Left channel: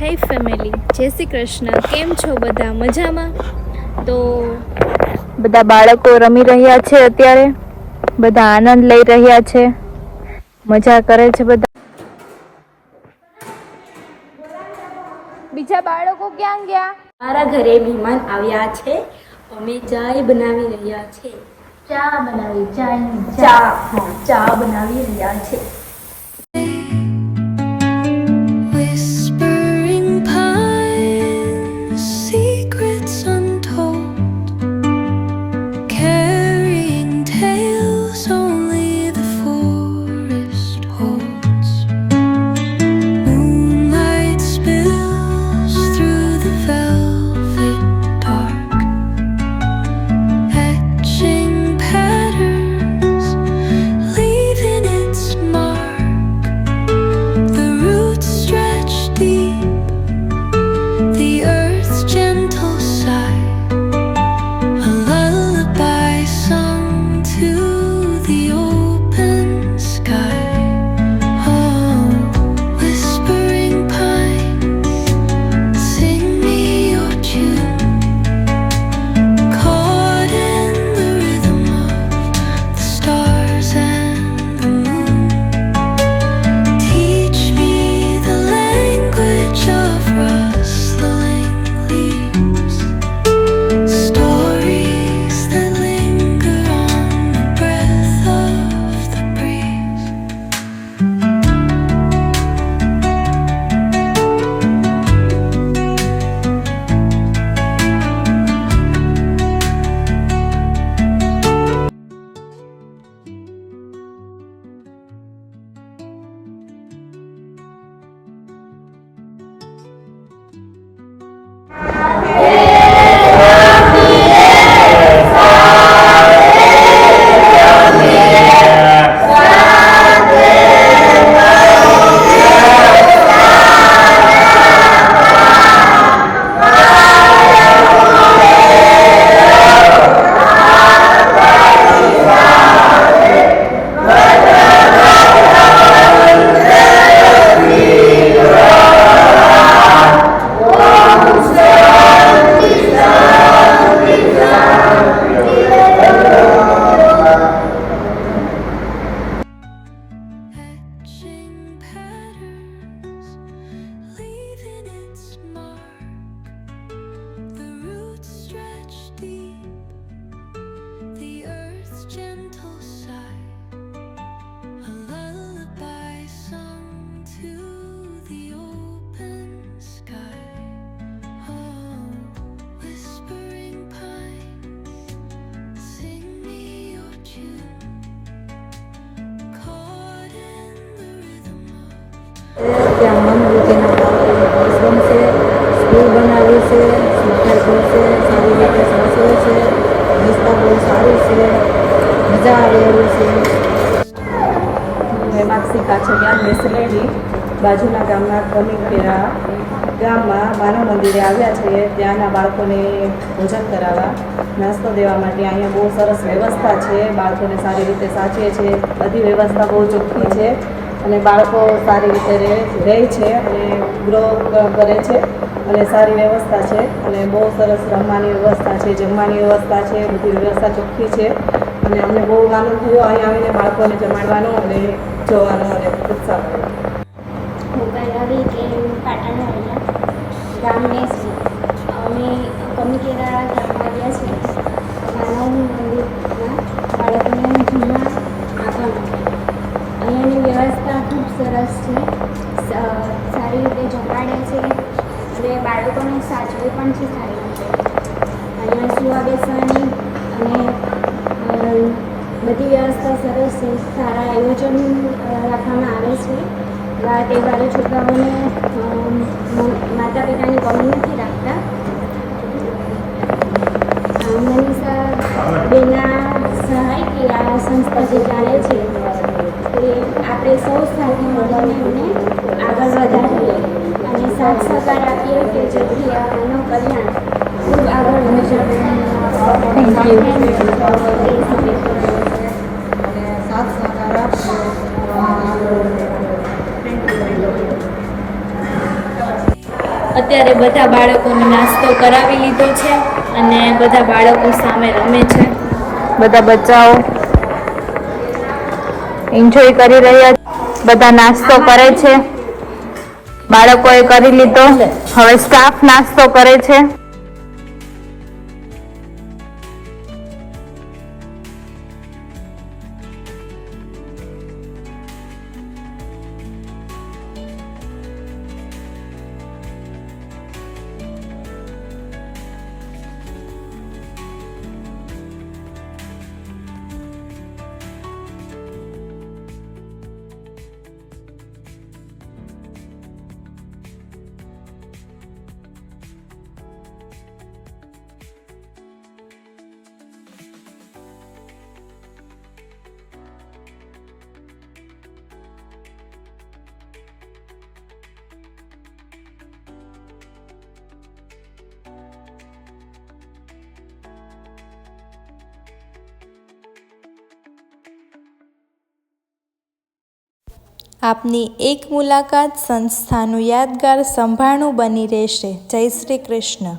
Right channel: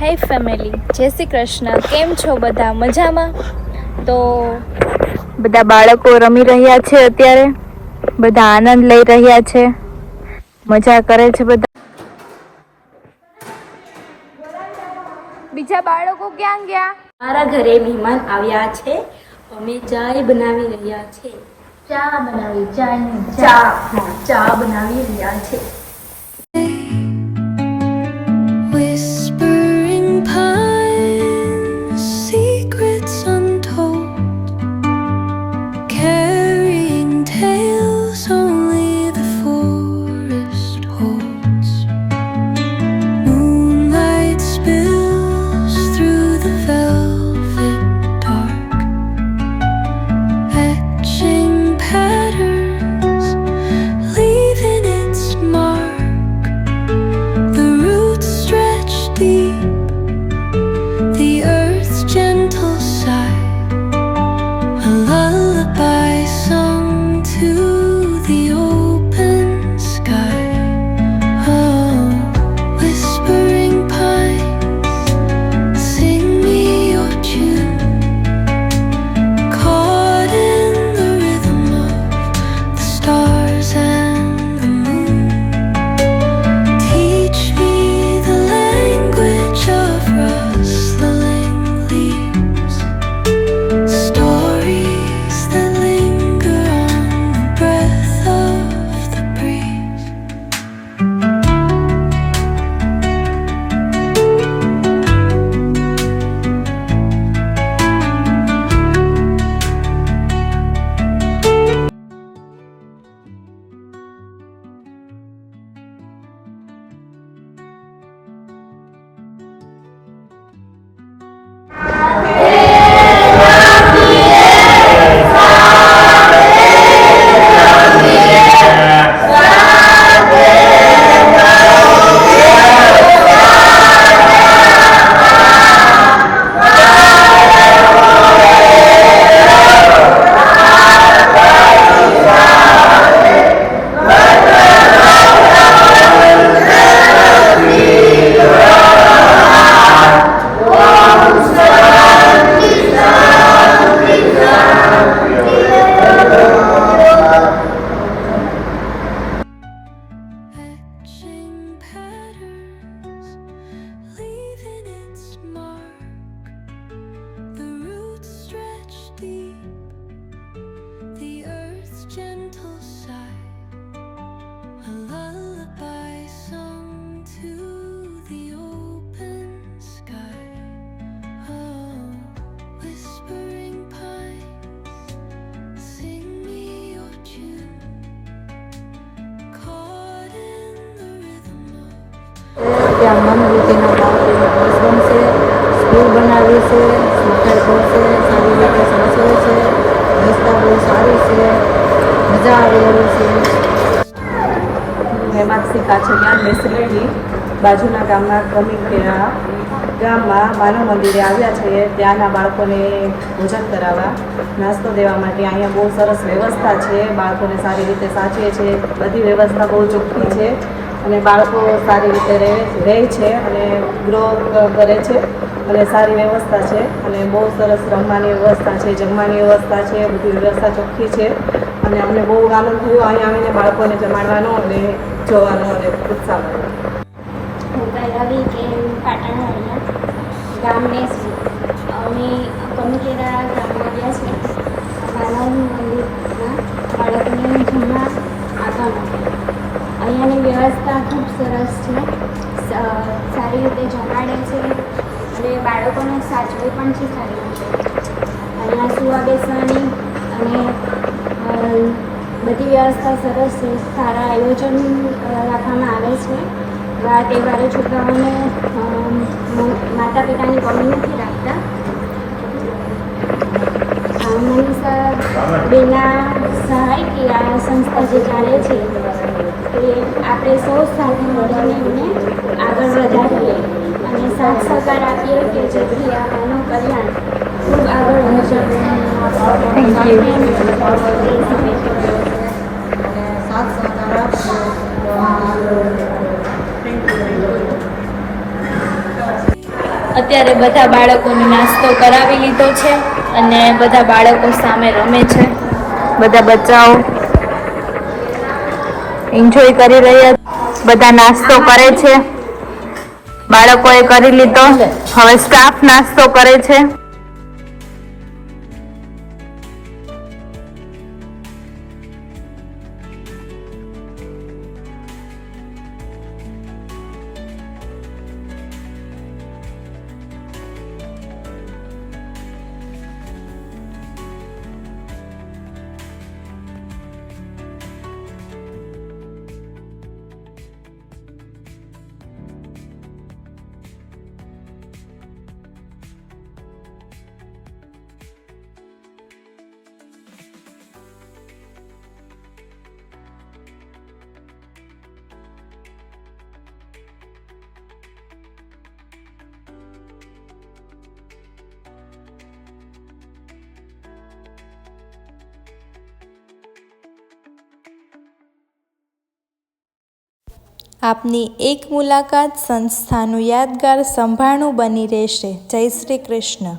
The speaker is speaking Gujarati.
હે ફેમિલી જય શ્રી કૃષ્ણ. કેમ છો બધા? મજામાં? તો બધા બાળકો રમી રહ્યા છે અત્યારે. બધા આનંદ લઈ રહ્યા છે. મજા કરે છે બધા. બીજા બાળકો ક્યાં ગયા? મારા ઘરે મહેમાન આવ્યા છે. અમે ચાય બનાવી રહ્યા છે. ચા બનાવી ચા. ચા. ચા બનાવી રહ્યા છે. ત્યાં બસ બનશે, સ્કૂલ બનાવી છે સરકાર સારી રીતે સાચવે છે, રસ્તા બહુ સારી છે, મજા આવે છે. મેં માનસી કાછડિયા બેસલેલી બાજુના ગામના કમિકેરા ગામમાં માનવ મંદિરે આવ્યા છે, ત્યાંના બાળકોને ભોજન કરાવવા, નાસ્તો દેવા માટે અહીંયા બહુ સરસ વ્યવસ્થા છે, બાળકોને સારી રીતે સાચવે છે, બધી વ્યવસ્થા બહુ ચોખ્ખી છે. અને બાળકો સારી રીતે રહે રહે છે અને ગ્રો કરે છે અને સારી વ્યવસ્થા છે અને બહુ સરસ રમવાની વ્યવસ્થા છે, જમવાની વ્યવસ્થા છે, બધી વ્યવસ્થા ચોખ્ખી છે અને અમને બહુ આનંદ થયો. અહીં આવીને બાળકોને જમાડવાનો અને જોવાનો અને ઉત્સાહ હું ગામને છે અમે કમિટીના ગામમાં આવ્યા છે માનવ મંદિરમાં બાળકોને જમવા આવવા માટે અહીંયાની વ્યવસ્થા ખૂબ સરસ છે સ- સારી રીતે જમાડે છે અને બાળકોને સાચવું પણ છે અહીંયા સુવા બેસવાની અને બધી વ્યવસ્થા સરસ સારા આયોજન રાખવામાં આવે છે. આ તહેવારો છોકરાઓને માતા પિતાની અત્યારે બધા બાળકોને નાસ્તો કરાવી લીધો છે અને બધા બાળકો સામે રમે છે. બધા બચ્ચાઓ એન્જોય કરી રહ્યા છે. બધા નાસ્તો કરે છે. બાળકોએ કરી લીધો. હવે સ્ટાફ નાસ્તો કરે છે. આપની એક મુલાકાત સંસ્થાનું યાદગાર સંભાળણું બની રહેશે. જય શ્રી કૃષ્ણ.